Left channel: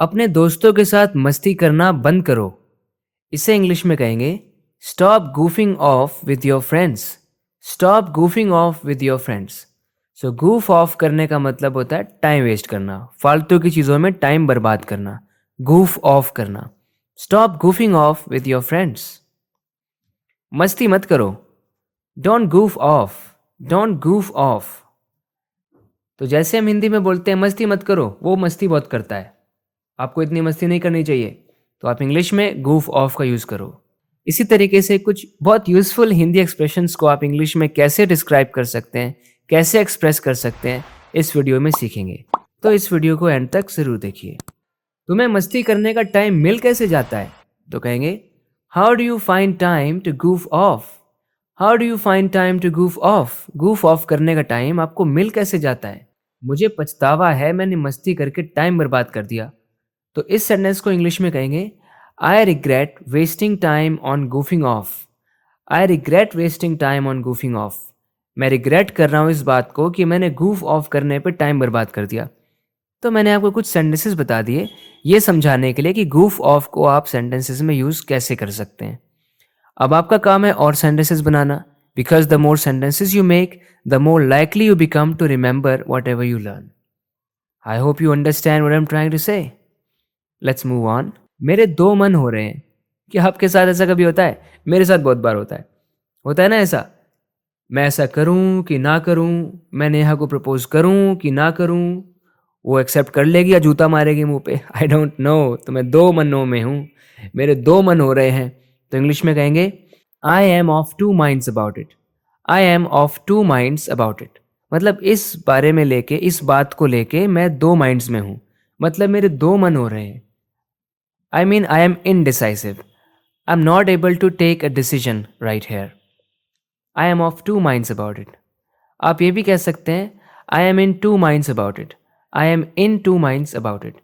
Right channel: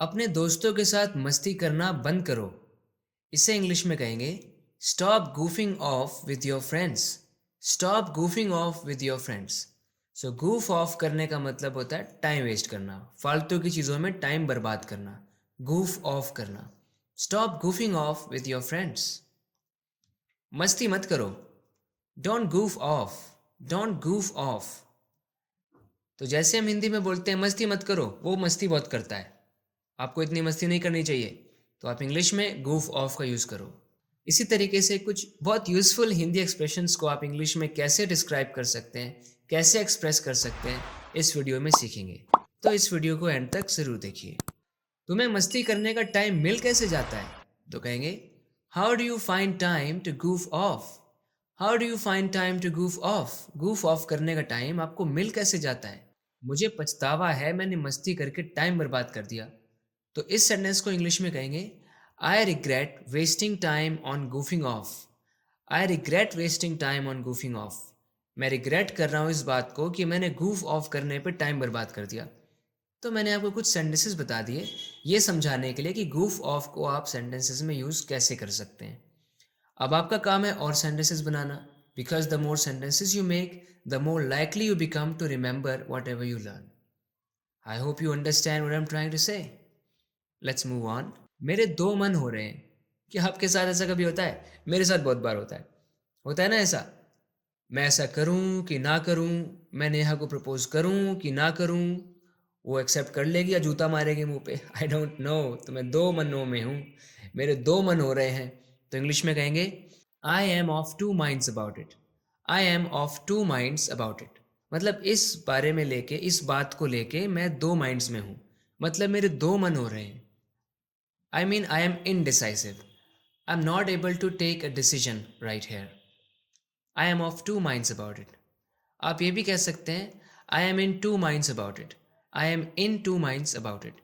अपने दोस्तों के साथ मस्ती करना बंद करो। इसे इंग्लिश में कहेंगे stop goofing of with your friends. Stop goofing of with your friends. So goof off करने का मतलब होता है टाइम वेस्ट करना, फालतू की चीज़ों में टाइम बर्बाद करना। गूफ ऑफ करना। Stop goofing of with your friends. मस्ती मत करो। Don't goof of. Don't goof of. तो जैसे हम हिंदी में बोलते हैं मस्ती मत करो, वो मस्ती बहुत करता है, आपको इतनी मस्ती नहीं करनी चाहिए, तो आप इंग्लिश में गूफ ऑफ का यूज़ करो। इसी तरीके से कुछ बहुत यूज़फुल हिंदी एक्सप्रेशंस को आप इंग्लिश में कैसे डिस्क्राइब कर सकते हैं, कैसे एक्सप्रेस कर सकते हैं, इस वीडियो में सीखेंगे। तो इस वीडियो को एंड तक ज़रूर देखिए। तुम्हें मस्ती करने का टाइम मिल कैसे जाता है? तो कहेंगे how do you find time to goof off. How do you find time to goof off. Goof off करने का टाइम आपको मिल कैसे जाता है? मुझे पछतावा है, मैंने मस्ती करके टाइम बर्बाद कर दिया। तो इस सेंटेंस को इंग्लिश में कहेंगे I regret wasting time on goofing of. I regret wasting time on goofing of. मैं रिग्रेट कर रहा हूँ इस बात को कि मैंने गूफ ऑफ करने पे टाइम बर्बाद कर दिया। तो मैंने आपको कुछ सेंटेंसेस बता दिए ये समझाने के लिए कि गूफ ऑफ को आप सेंटेंसेस में यूज़ कैसे कर सकते हैं। अब आपका काम है और सेंटेंसेस बनाना, because the more sentences you make the more likely you become to remember whatever you learn. I hope you understand what I am trying to say. Let's move on. मेरे दो मन हो रहे हैं। कि आपके साथ ऐसा कभी होता है? मेरे साथ बहुत बार होता है ना ऐसा। मैं ऐसा करूं कि ना करूं, मैं नेहा को प्रपोज करूं कि ना करूं, वो एक्सेप्ट कर लेगी या जूता मारेगी मुंह पे, आई डोंट नो। तो मैं दो मनों में हूं, मेरे दो मन हो रहे हैं। तो इंग्लिश में कहेंगे I am of two minds about it. I am of two minds about it. मतलब इस बारे में लेके, इस बात को लेके मैं दो माइंड्स में हूं, मतलब मेरे दो मन हो रहे हैं। I mean, I am indecisive. I'm not able to take a decision right here. I am of two minds about it. आप ये भी कह सकते हैं I am in two minds about it. I am in two minds about it.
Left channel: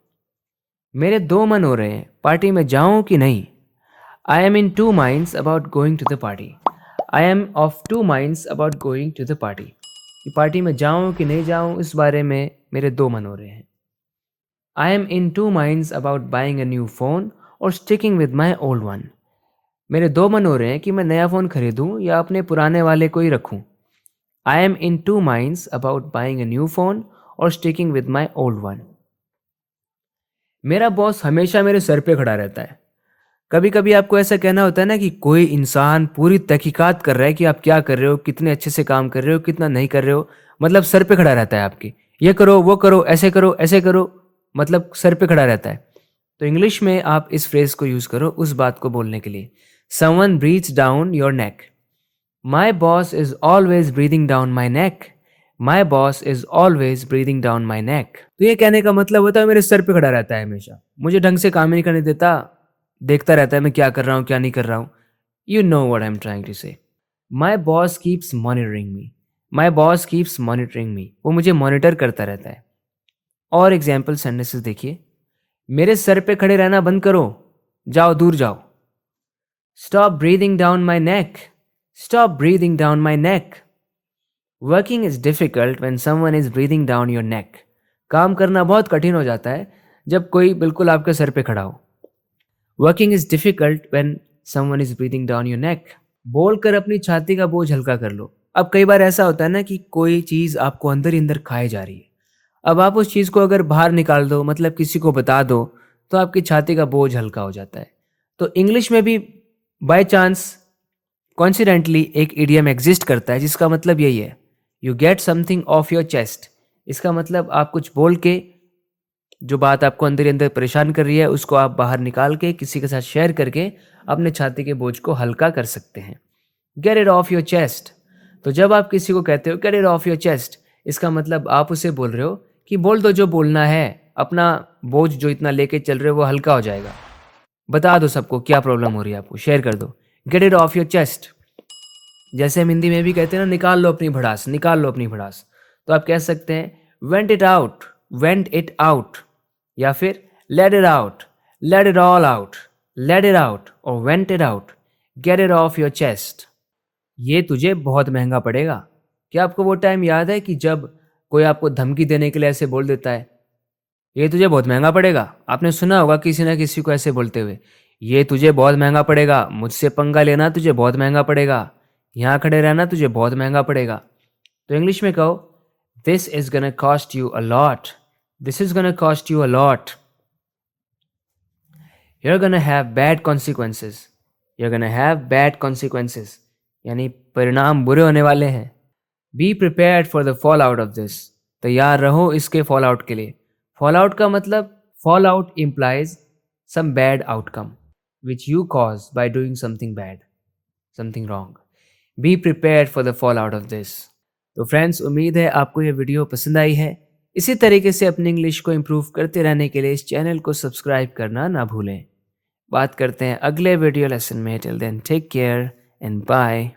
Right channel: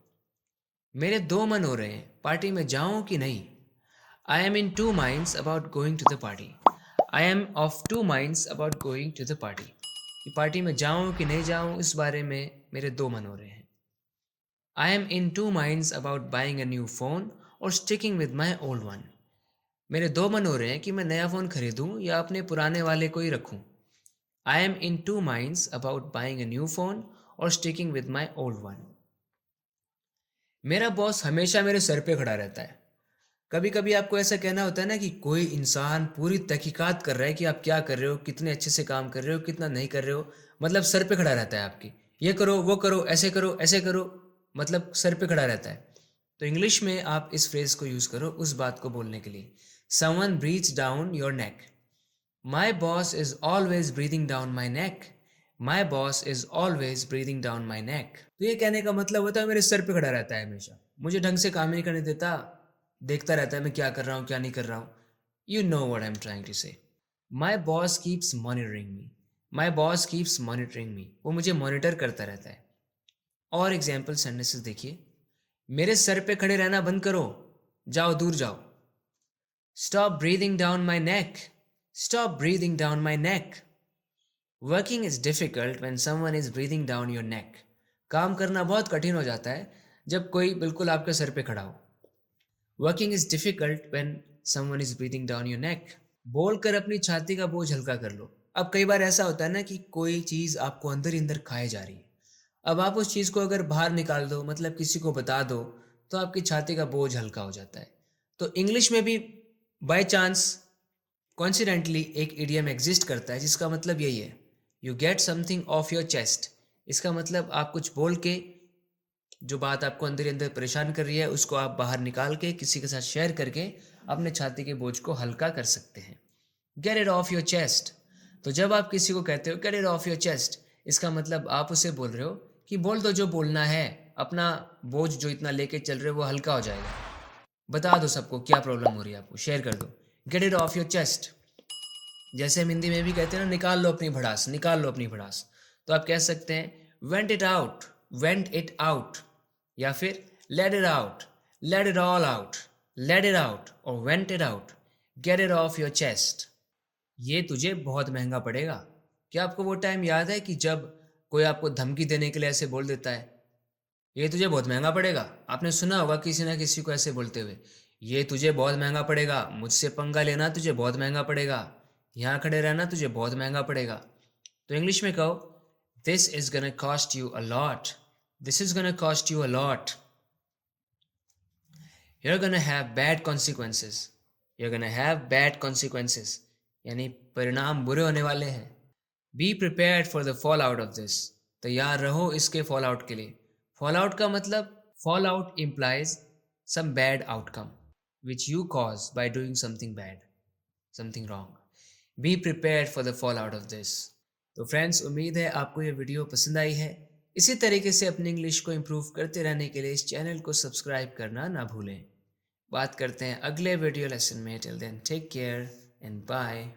मेरे दो मन हो रहे हैं, पार्टी में जाऊं कि नहीं। I am in two minds about going to the party. I am of two minds about going to the party. कि पार्टी में जाऊं कि नहीं जाऊं, इस बारे में मेरे दो मन हो रहे हैं। I am in two minds about buying a new phone or sticking with my old one. मेरे दो मन हो रहे हैं कि मैं नया फ़ोन खरीदूं या अपने पुराने वाले को ही रखूं। I am in two minds about buying a new phone or sticking with my old one. मेरा बॉस हमेशा मेरे सर पे खड़ा रहता है। कभी कभी आपको ऐसा कहना होता है ना कि कोई इंसान पूरी तहकीकात कर रहा है कि आप क्या कर रहे हो, कितने अच्छे से काम कर रहे हो, कितना नहीं कर रहे हो, मतलब सर पे खड़ा रहता है आपके। ये करो, वो करो, ऐसे करो, मतलब सर पे खड़ा रहता है। तो इंग्लिश में आप इस फ्रेज को यूज़ करो उस बात को बोलने के लिए। Someone breathes down your neck. My boss is always breathing down my neck. My boss is always breathing down my neck. तो ये कहने का मतलब होता है मेरे सर पे खड़ा रहता है हमेशा, मुझे ढंग से काम ही नहीं करने देता, देखता रहता है मैं क्या कर रहा हूँ क्या नहीं कर रहा हूँ। You know what I am trying to say. My boss keeps monitoring me. My boss keeps monitoring me. वो मुझे मॉनिटर करता रहता है। और एग्जाम्पल सेंटेंसेस देखिए। मेरे सर पे खड़े रहना बंद करो, जाओ दूर जाओ। Stop breathing down my neck. Stop breathing down my neck. Working is difficult when someone is breathing down your नेक। काम करना बहुत कठिन हो जाता है जब कोई बिल्कुल आपके सर पे खड़ा हो। Working is difficult when someone is breathing down your नेक। बोलकर अपनी छाती का बोझ हल्का कर लो। अब कई बार ऐसा होता है ना कि कोई चीज़ आपको अंदर ही अंदर खाए जा रही है। अब आप उस चीज़ को अगर बाहर निकाल दो, मतलब किसी को बता दो, तो आपकी छाती का बोझ हल्का हो जाता है। तो इंग्लिश में भी बाय चांस कॉन्सिडेंटली एक इडियम एग्जिस्ट करता है जिसका मतलब यही है, you get something of your chest. इसका मतलब आप कुछ बोल के जो बात आपको अंदर ही अंदर परेशान कर रही है उसको आप बाहर निकाल के किसी के साथ शेयर करके अपने छाती के बोझ को हल्का कर सकते हैं। Gate it off your chest. तो जब आप किसी को कहते हो gate it off your chest, इसका मतलब आप उसे बोल रहे हो कि बोल दो जो बोलना है, अपना बोझ जो इतना लेके चल रहे हो वो हल्का हो जाएगा। बता दो सबको क्या प्रॉब्लम हो रही है, आपको शेयर कर दो। Gate it off your chest. जैसे हम हिंदी में भी कहते हैं ना, निकाल लो अपनी भड़ास, निकाल लो अपनी भड़ास। तो आप कह सकते हैं vent it out, vent it out, या फिर let it out, let it all out, let it out और vent it out. Get it off your chest. ये तुझे बहुत महंगा पड़ेगा। क्या आपको वो टाइम याद है कि जब कोई आपको धमकी देने के लिए ऐसे बोल देता है, ये तुझे बहुत महंगा पड़ेगा। आपने सुना होगा किसी ना किसी को ऐसे बोलते हुए। ये तुझे बहुत महंगा पड़ेगा, मुझसे पंगा लेना तुझे बहुत महंगा पड़ेगा, यहाँ खड़े रहना तुझे बहुत महंगा पड़ेगा। तो इंग्लिश में कहो, this is gonna cost you a lot, this is gonna cost you a lot, you're gonna have bad consequences, you're gonna have bad consequences, यानी परिणाम बुरे होने वाले हैं। B prepared for the fall out of this, तैयार रहो इसके fall out के लिए। फॉल आउट का मतलब, fall out implies some bad outcome which you cause by doing something bad, something wrong. Be prepared for the fall out of this. तो friends, उम्मीद है आपको ये वीडियो पसंद आई है। इसी तरीके से अपनी इंग्लिश को इम्प्रूव करते रहने के लिए इस चैनल को सब्सक्राइब करना ना भूलें। बात करते हैं अगले वीडियो लेसन में। Till then take care and bye.